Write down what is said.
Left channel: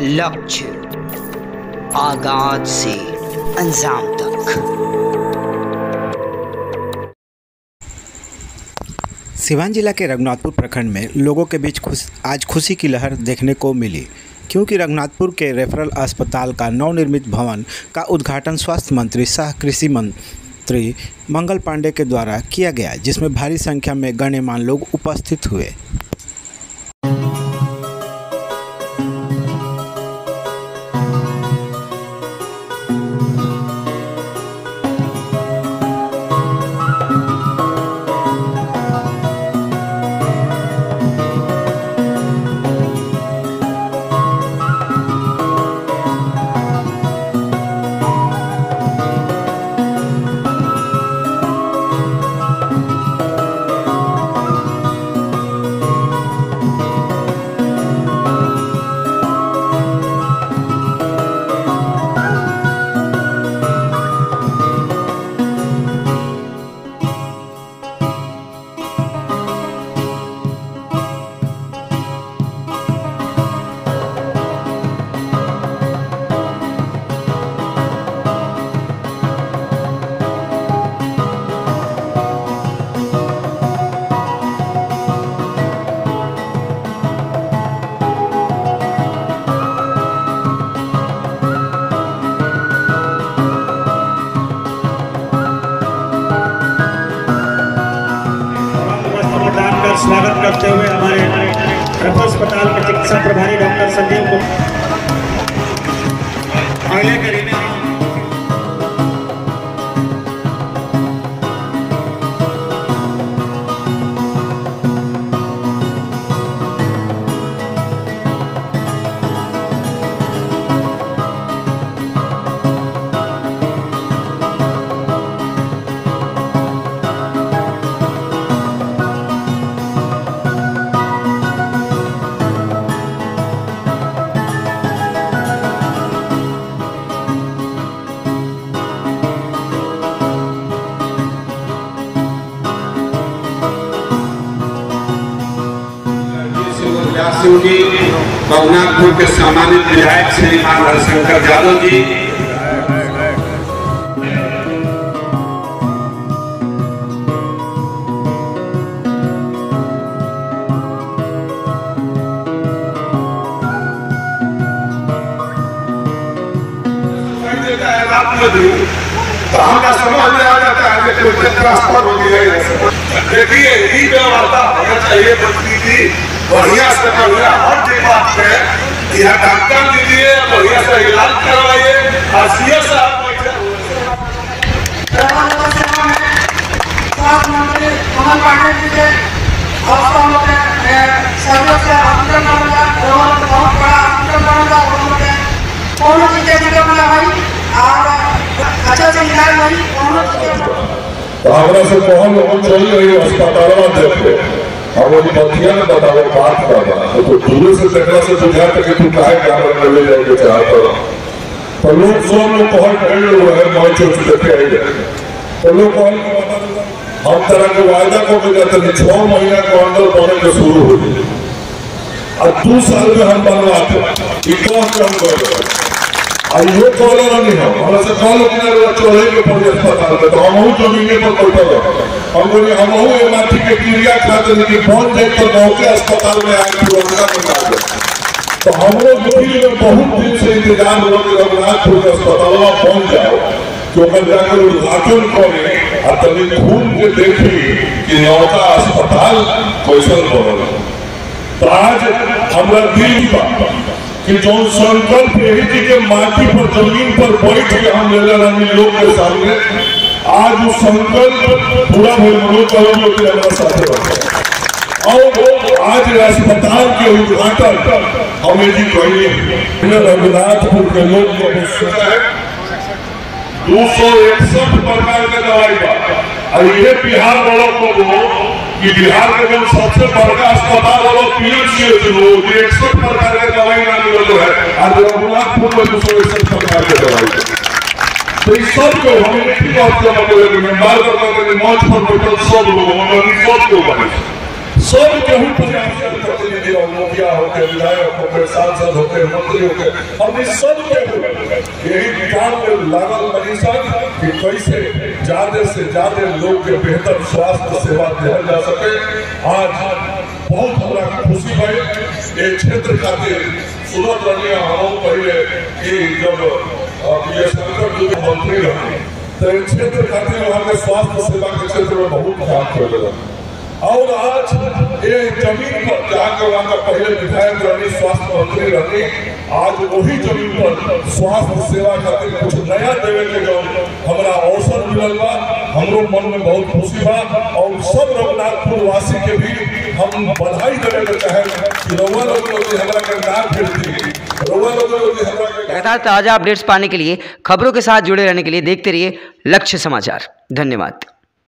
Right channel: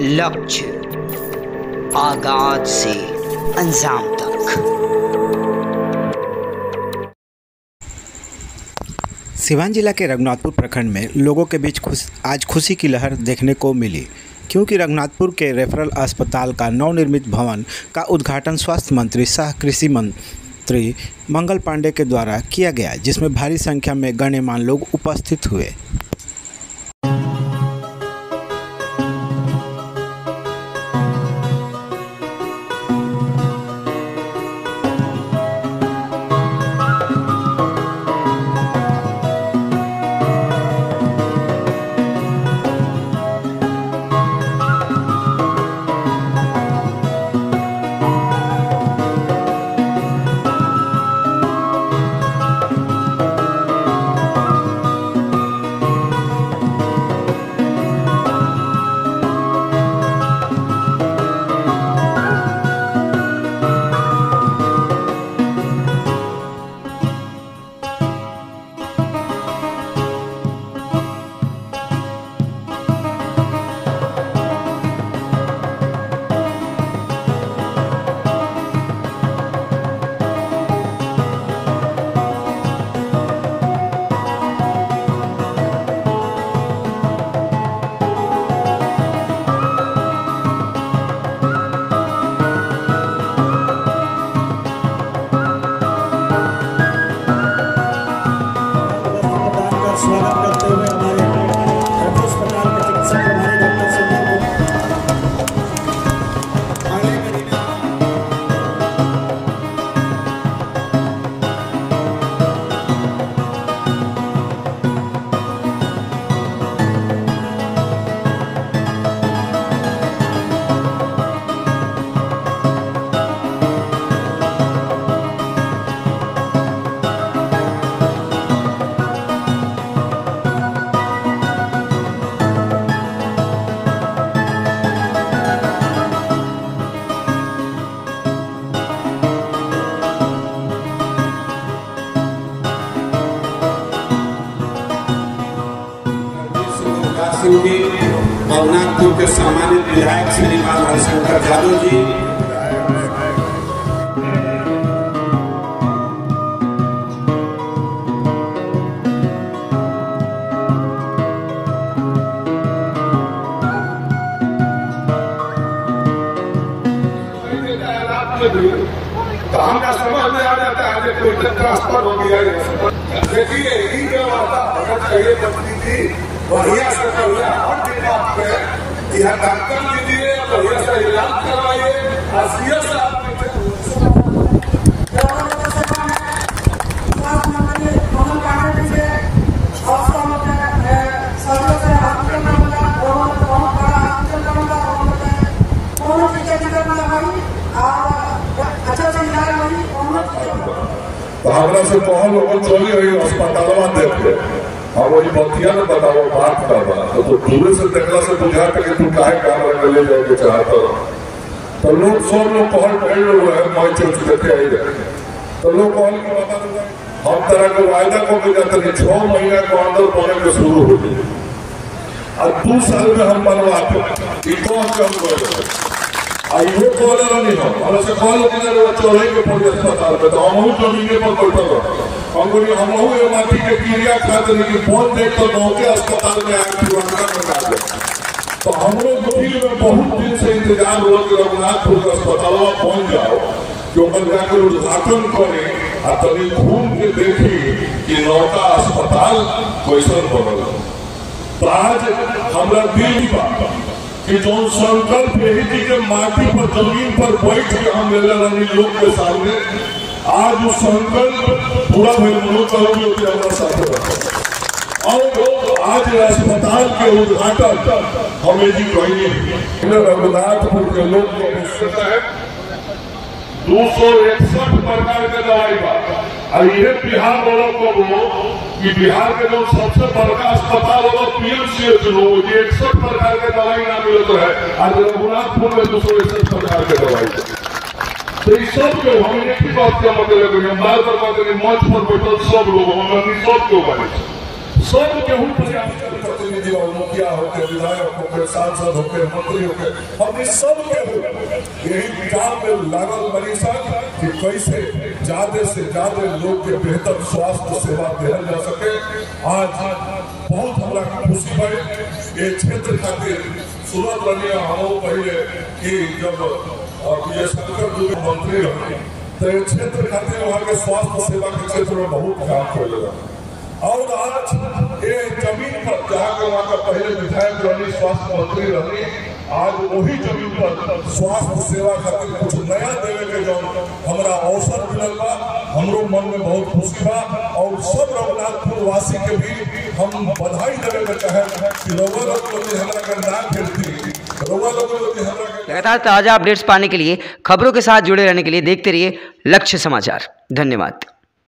लक्ष्य आगाज से अंजाम तक। सिवान जिला के रघुनाथपुर प्रखंड में लोगों के बीच आज खुशी की लहर देखने को मिली, क्योंकि रघुनाथपुर के रेफरल अस्पताल का नवनिर्मित भवन का उद्घाटन स्वास्थ्य मंत्री सह कृषि मंत्री मंगल पांडे के द्वारा किया गया, जिसमें भारी संख्या में गणमान्य लोग उपस्थित हुए। स्वागत करते हुए हमारे रेफरल अस्पताल के चिकित्सा प्रभारी डॉक्टर संदीप को आगे करेंगे। रघुनाथपुर के सम्मानित विधायक श्री हरिशंकर यादव जी, तो हमें समझ में आ जाता है कि कुछ ट्रांसफर हो गया है। देखिए ये व्यवस्था होना चाहिए बस्ती की बढ़िया से बढ़िया हर बात पे यह डॉक्टर दीजिए, बढ़िया से इलाज करवाइए। आसिया साहब से कौन लोग चाहिए अस्पताल देखे हमारी नथिया में दबाव बात करवा तो दूर से देखने से बुझा कि तू काहे कैमरा ले जाएंगे चाहते हो तो लोग सब लोग बहुत बड़े लोग हैं मैं चोट देखे आई तो लोग हम तरह के वायदा को जाते हैं 6 महीने के अंदर बने के शुरू हो गए और 2 साल में हम बनवाते इनको हम गए और ये कॉलर नहीं है हमारे से कॉल अपने चले के पड़े अस्पताल में तो हम जमीने पर बैठे हो हम बोले हम माटी के क्रिया खाते कि पहुंच जाए तो गाँव के अस्पताल में आए पुराना बना गया तो हम लोग में बहुत दिन से इंतजाम हो कि रघुनाथपुर के अस्पताल में पहुंच जाओ क्योंकि जाकर उद्घाटन करें और तभी घूम के देखी कि नौका अस्पताल कैसन बनल। तो आज हमारा दिल कि जो संकल्प यही थी कि माटी पर जमीन पर बैठ के हम ले रहे लोग के सामने आज वो संकल्प पूरा हमारे साथ और आज अस्पताल के उद्घाटन हमें जी कही रघुनाथपुर के लोग 261 प्रकार के दवाई का और ये बिहार वालों को कि बिहार के जो सबसे बड़ा अस्पताल वाला पीएमसीएच लोग 61 प्रकार के दवाई ना मिलते है और रघुनाथपुर में 261 प्रकार के दवाई तो इस सब को हम एक ही बात करना पड़ेगा कि बार-बार कहते हैं मंच पर बैठे सब लोग हम सब को बने सब केहू प्रयास करते हैं मुखिया हो होके विधायक होके सांसद होके मंत्री होके हमने सब के यही काम में लागल मनीषन कि कैसे ज्यादा से ज्यादा लोग के बेहतर स्वास्थ्य सेवा दिया जा सके। आज बहुत हमरा खुशी भई ये क्षेत्र खातिर सुनत रही हम पहले कि जब ये शंकर मंत्री रहे तो ये क्षेत्र खातिर वहाँ के स्वास्थ्य सेवा के क्षेत्र में बहुत ध्यान कर और आज ये जमीन पर जाकर वहाँ का पहले विधायक रही स्वास्थ्य मंत्री रही आज वही जमीन पर स्वास्थ्य सेवा खातिर कुछ नया देवे के जो हमारा अवसर मिलल बा हमरो मन में बहुत खुशी बा और सब रघुनाथपुर वासी के भी हम बधाई देने के चाहे कि रउआ लोग हमरा के ना भेजती। लगातार ताज़ा अपडेट्स पाने के लिए खबरों के साथ जुड़े रहने के लिए देखते रहिए लक्ष्य समाचार। धन्यवाद।